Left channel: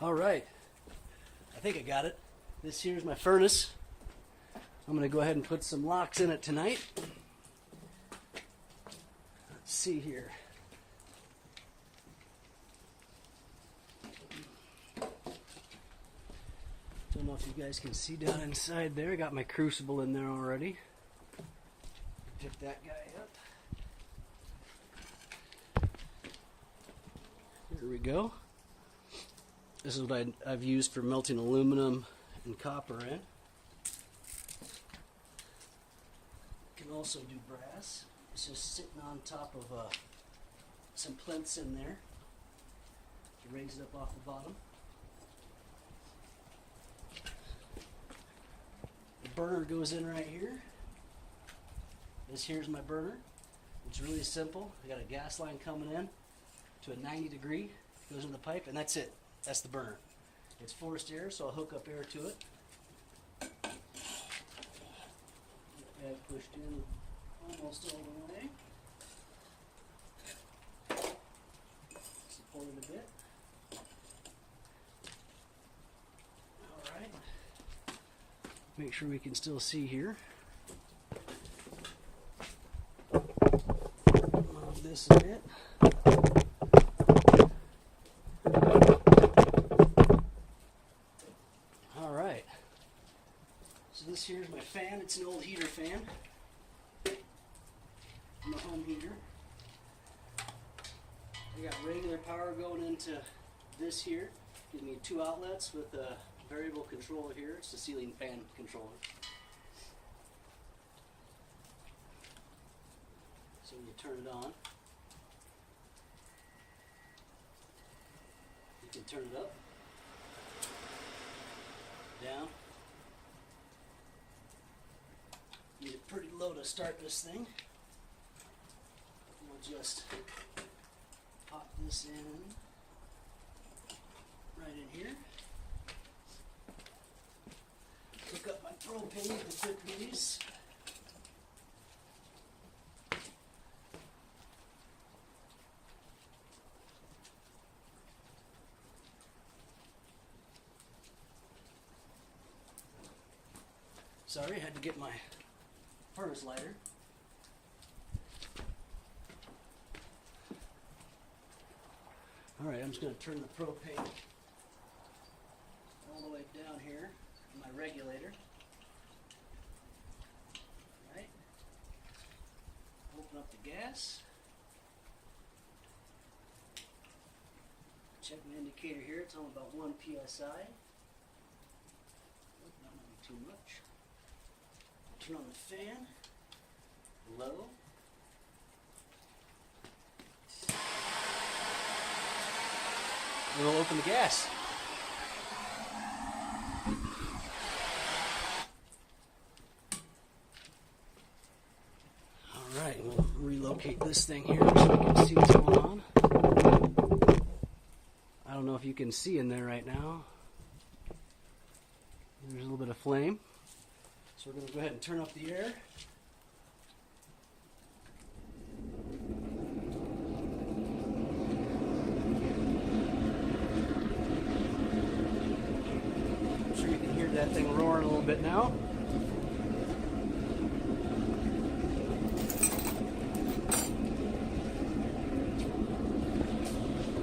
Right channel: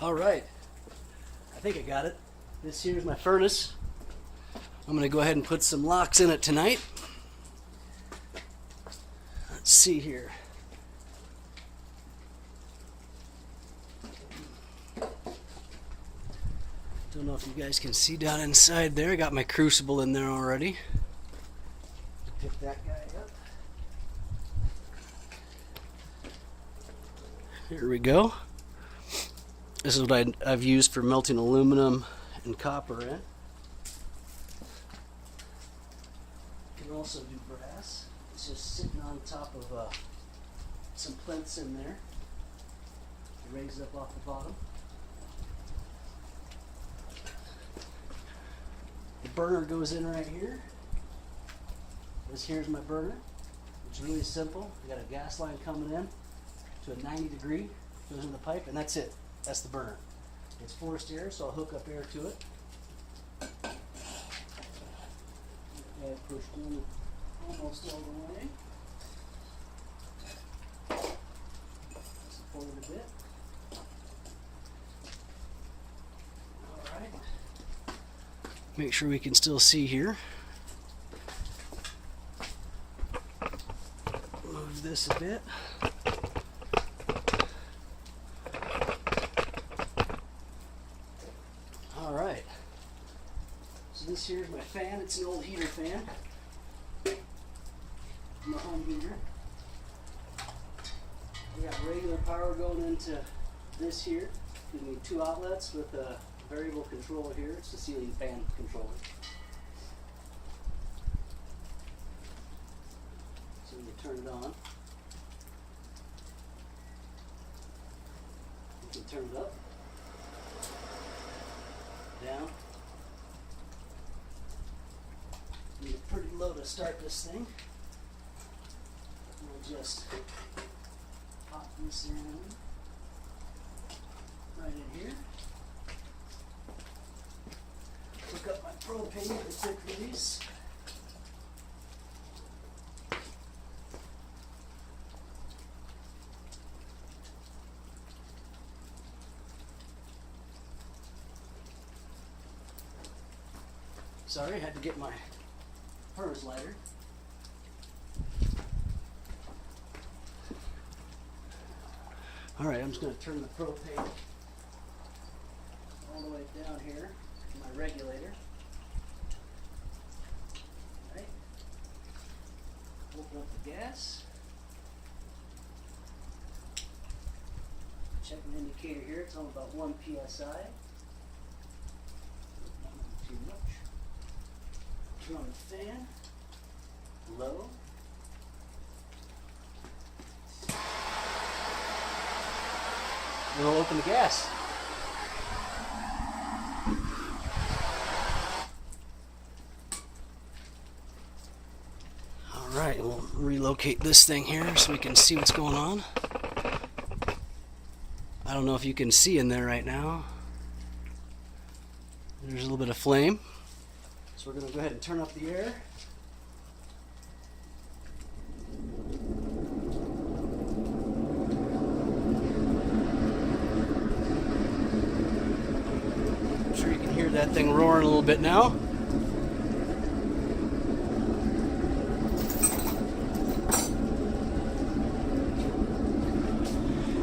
All right, I think I got it. This here's my furnace. I'm going to go ahead and put some locks in it tonight. Let's see here. Don't know if you guys can see down inside there. I got my crucible in there already. Pick that guy up. Here we go. This is what I've used for melting aluminum and copper in. You can also do brass. It's just sitting on top of some plinths in there to raise it up off the bottom. The burner goes in right here. This here's my burner. It's really simple. I got a gas line coming in to a 90 degree. Goes in the pipe, and that's it. That's the burner. It's forced air, so I'll hook up air to it. Get that pushed in almost all the way. Support it a bit. Alright. Make sure we can still see here. Move this a bit. Alright. So this here is my fan. It's an old heater fan. My home heater. I got regular power going into this here. Gives me 2 outlets with a variable controller here. It's the ceiling fan controller. So when you turn it on, you can turn it up, down. Need it pretty low to start this thing. We'll just pop this in right in here. Hook up my propane with a quick release. Sorry, I had to get my furnace lighter. Alright, I'm just going to turn the propane all the way down here to my regulator. Alright. Open up the gas. Check my indicator here, it's on about 1 psi. Not too much. Turn on the fan. Low. And we'll open the gas. Alright, we'll relocate this thing here so we can see what's going on. I don't know if you can see in there right now. There's a little bit of flame. So we're going to go ahead and turn up the air. I'm sure you can hear that thing roaring a little bit now.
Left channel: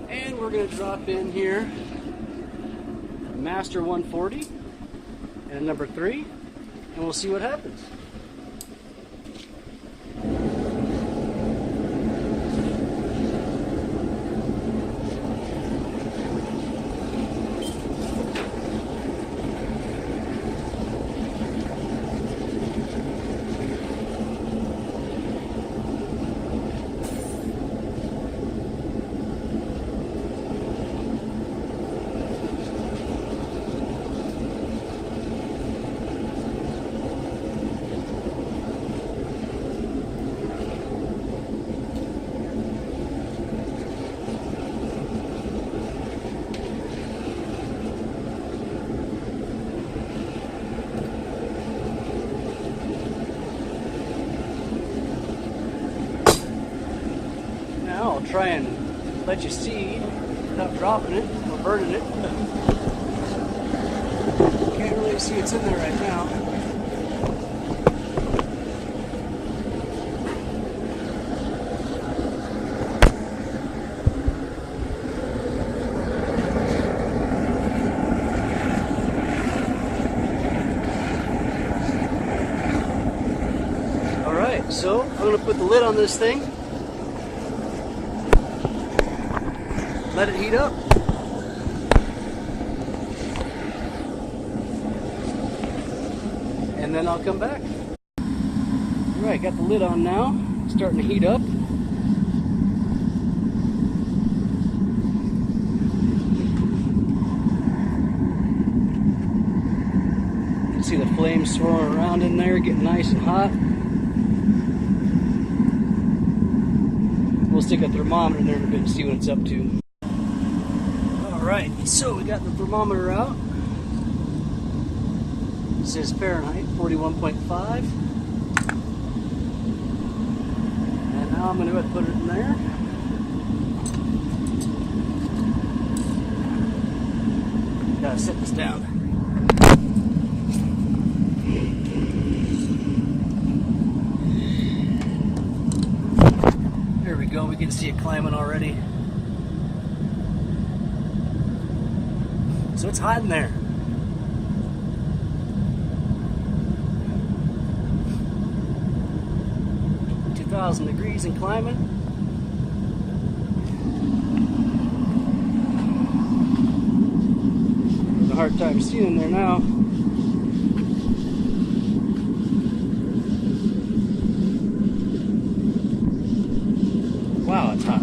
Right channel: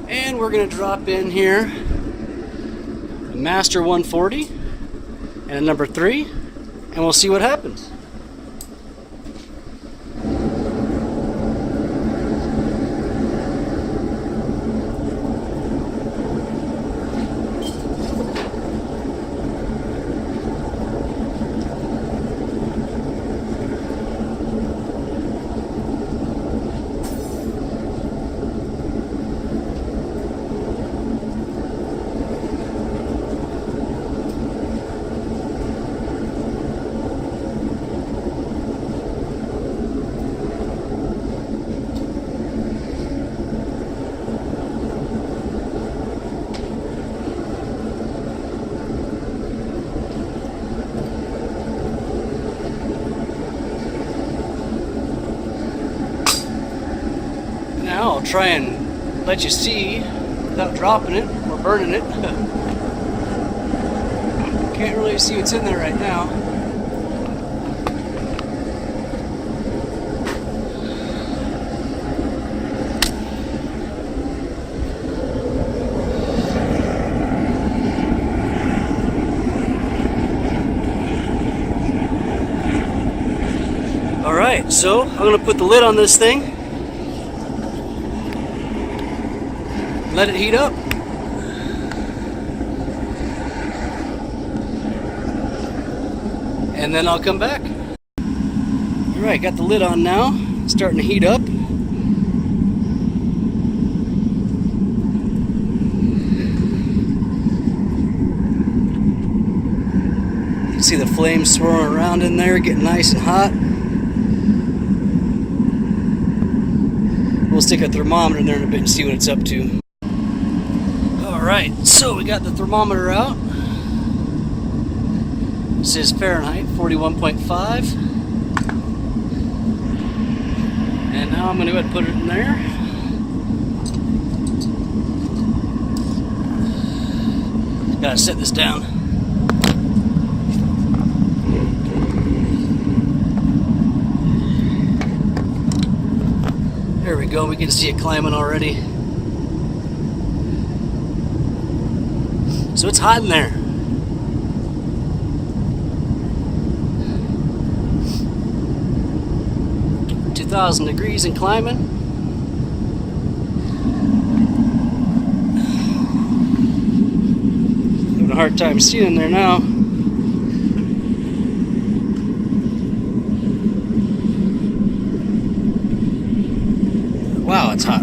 And we're going to drop in here a Master 140 and a number 3. And we'll see what happens. Now I'll try and let you see without dropping it. We're we're burning it. Can't really see what's in there right now. Alright, so I'm going to put the lid on this thing. Let it heat up. And then I'll come back. Alright, got the lid on now. It's starting to heat up. You can see the flames swirling around in there, getting nice and hot. We'll stick a thermometer in there in a bit and see what it's up to. Alright, so we got the thermometer out. This is Fahrenheit 41.5. And now I'm going to go ahead and put it in there. Gotta set this down. There we go, we can see it climbing already. So it's hot in there. Degrees and climbing. Having a hard time seeing in there now. Wow, it's hot.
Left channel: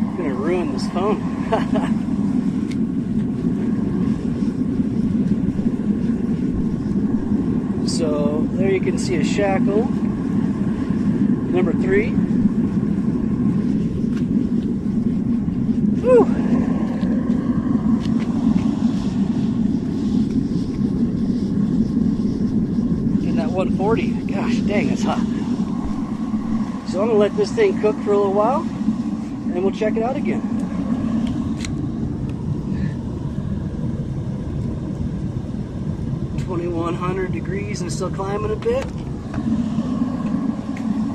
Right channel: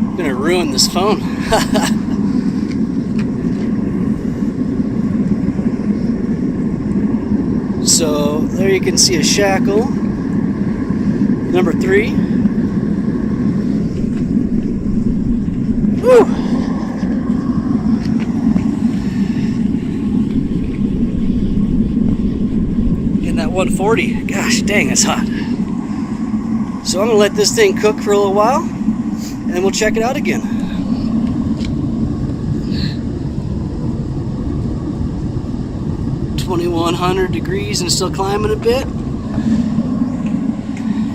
I'm gonna ruin this phone. So there you can see a shackle, number 3. Woo! In that 140, gosh dang, that's hot. So I'm gonna let this thing cook for a little while, and we'll check it out again. 2100 degrees and still climbing a bit.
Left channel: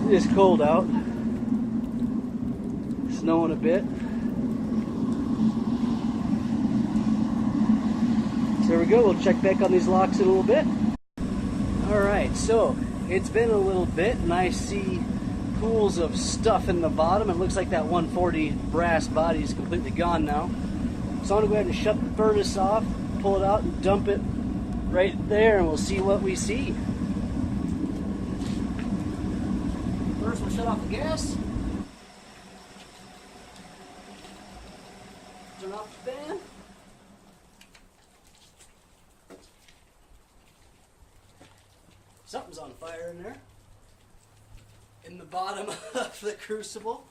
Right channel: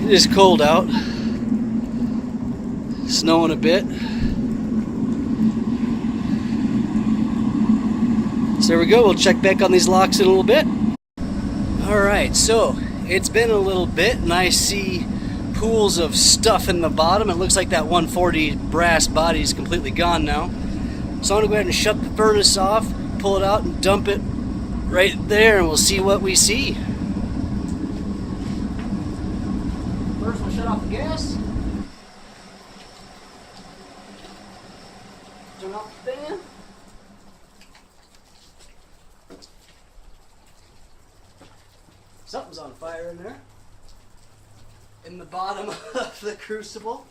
It is cold out. Snowing a bit. So there we go. We'll check back on these locks in a little bit. Alright, so it's been a little bit and I see pools of stuff in the bottom. It looks like that 140 brass body is completely gone now. So I'm going to go ahead and shut the furnace off, pull it out and dump it right there, and we'll see what we see. First, we'll shut off the gas. Turn off the fan. Something's on fire in there. In the bottom of the crucible.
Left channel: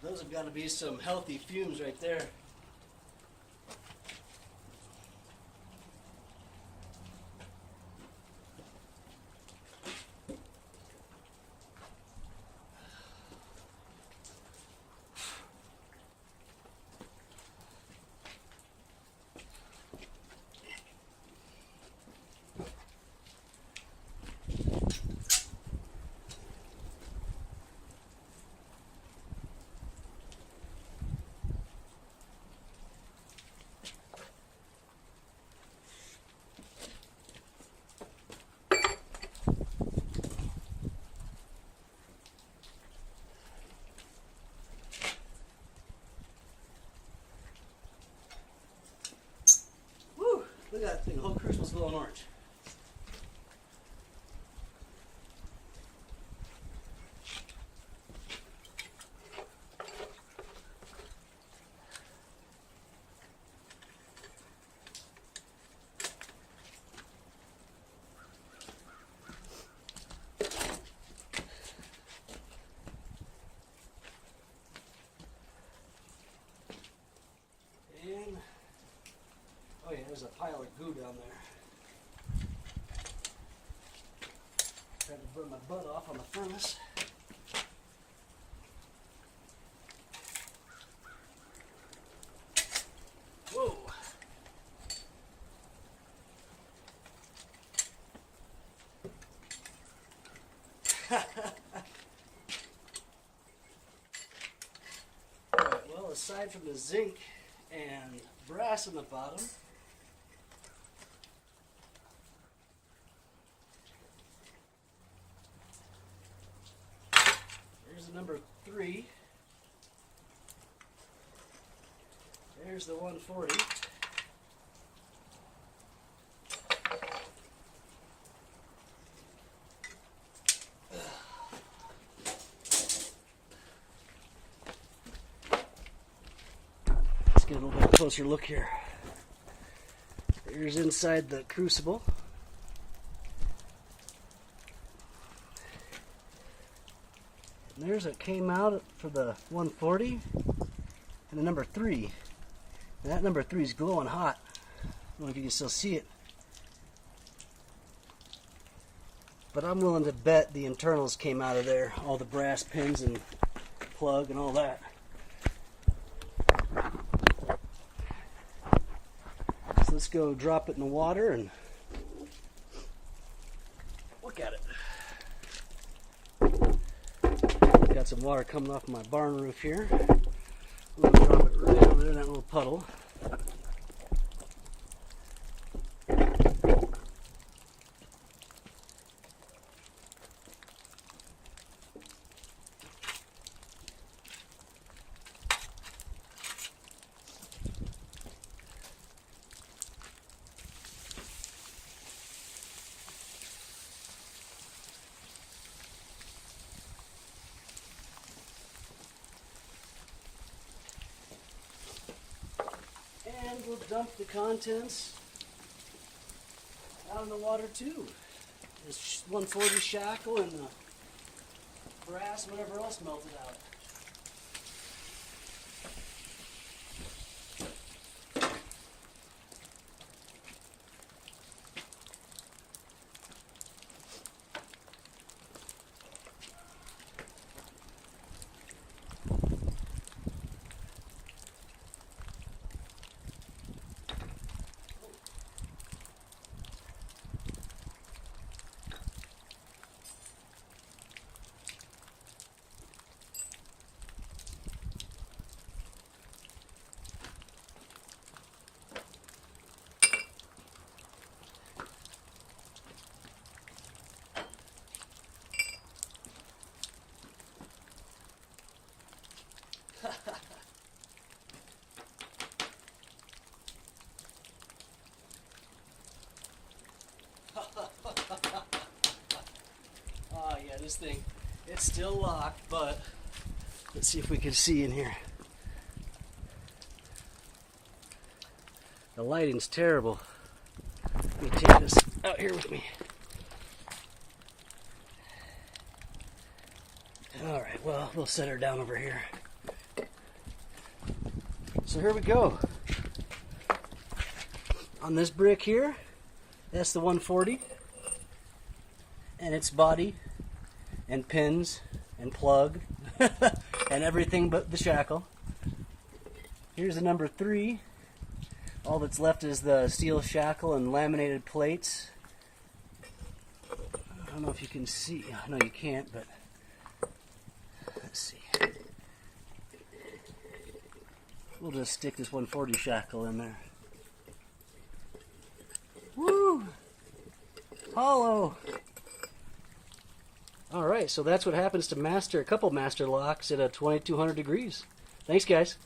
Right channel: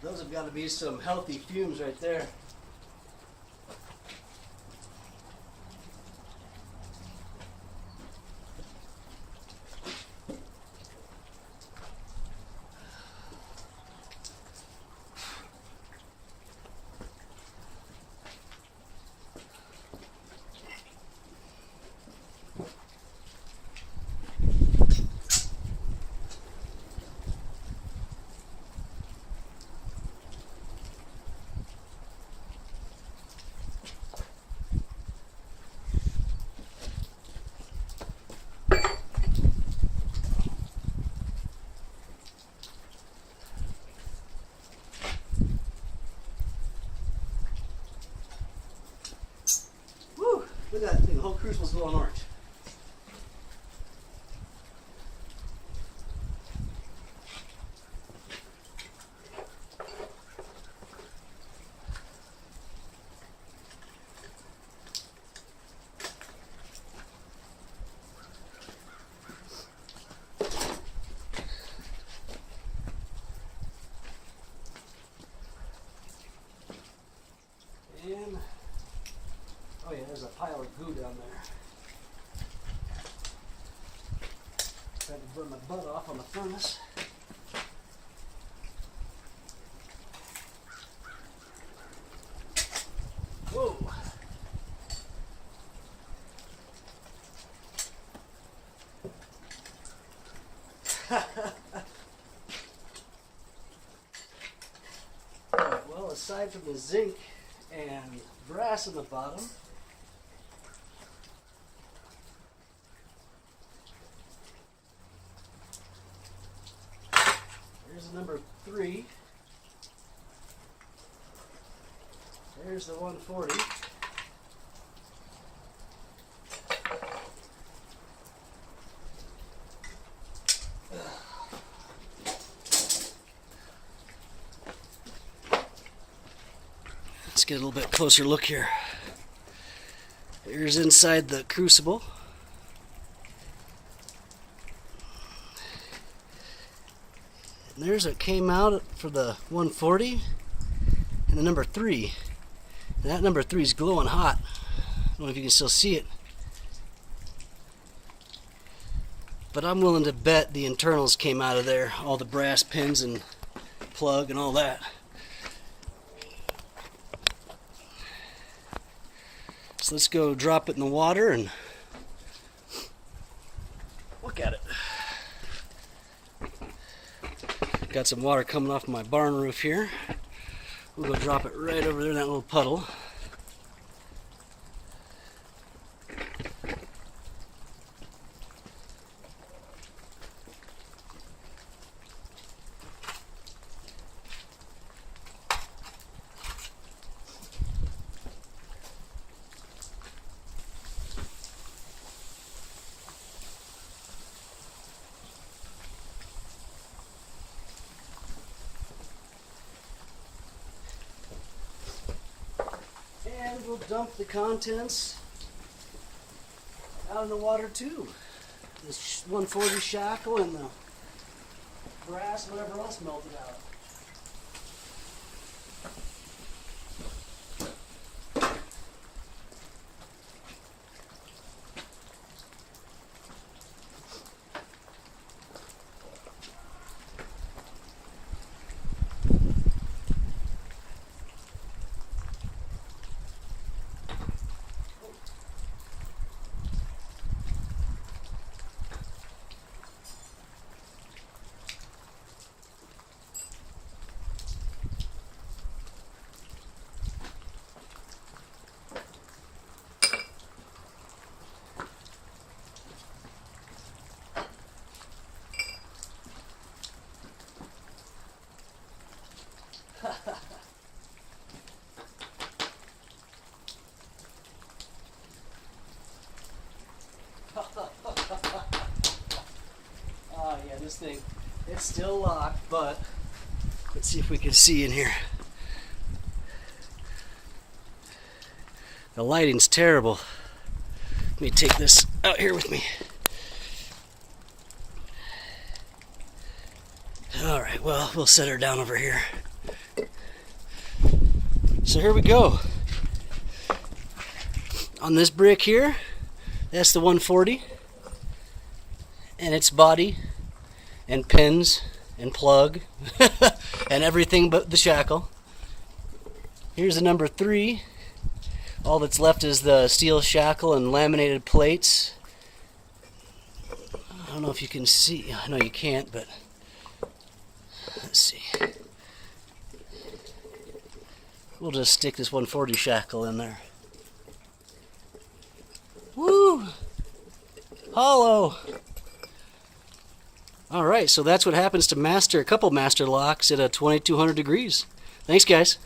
Those have got to be some healthy fumes right there. Look at that thing, the whole crucible's glowing orange. goo down there. Trying to burn my butt off on the furnace. Whoa. Alright, well, aside from the zinc and brass in the bottom, here's the number 3. There's the 140. Let's get a little bit closer look here. Here's inside the crucible. And there's what came out for the 140 and the number 3. And that number 3 is glowing hot. I don't know if you can still see it. But I'm willing to bet the internals came out of there. All the brass pins and plug and all that. So let's go drop it in the water and look at it. Got some water coming off my barn roof here. We're going to drop it right over there in that little puddle. And we'll dump the contents out in the water too. This 140 shackle and the brass, whatever else melted out. Yeah, this thing, it's still locked, but let's see if we can see in here. The lighting's terrible. Let me take this out here with me. Alright, well, we'll set her down over here. So here we go. On this brick here, that's the 140. And its body, and pins, and plug, and everything but the shackle. Here's the number 3. All that's left is the steel shackle and laminated plates. I don't know if you can see. I know you can't, but let's see. We'll just stick this 140 shackle in there. Woo! Hollow! Alright, so that's what happens to a couple master locks at 2200 degrees. Thanks, guys.